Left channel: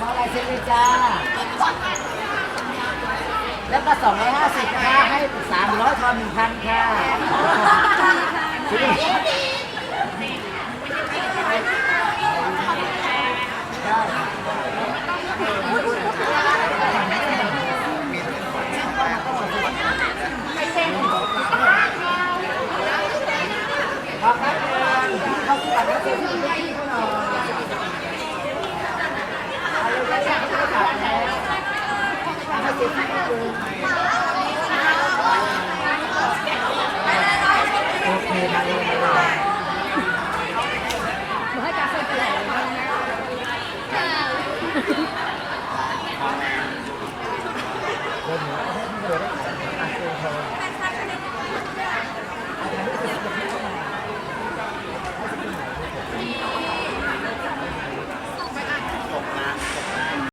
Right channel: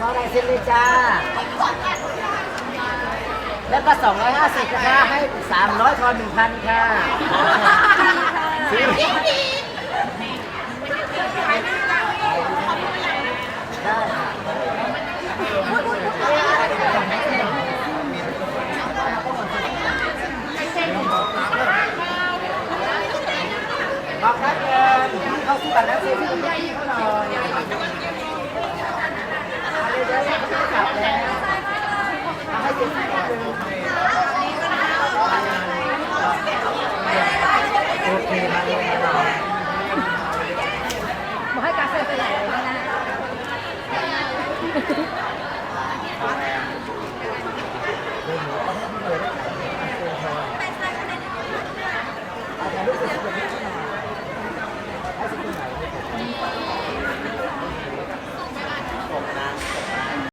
มาลายเซ็นเลยจ้า แล้วก็250นะคะให้300ทอน1,000ค่ะบอกครับเงินเข้าที่บัตรนักเรียนที่พี่เขาหน่อย Còn em. Bên nữa có hết người đấy Anh cô thôi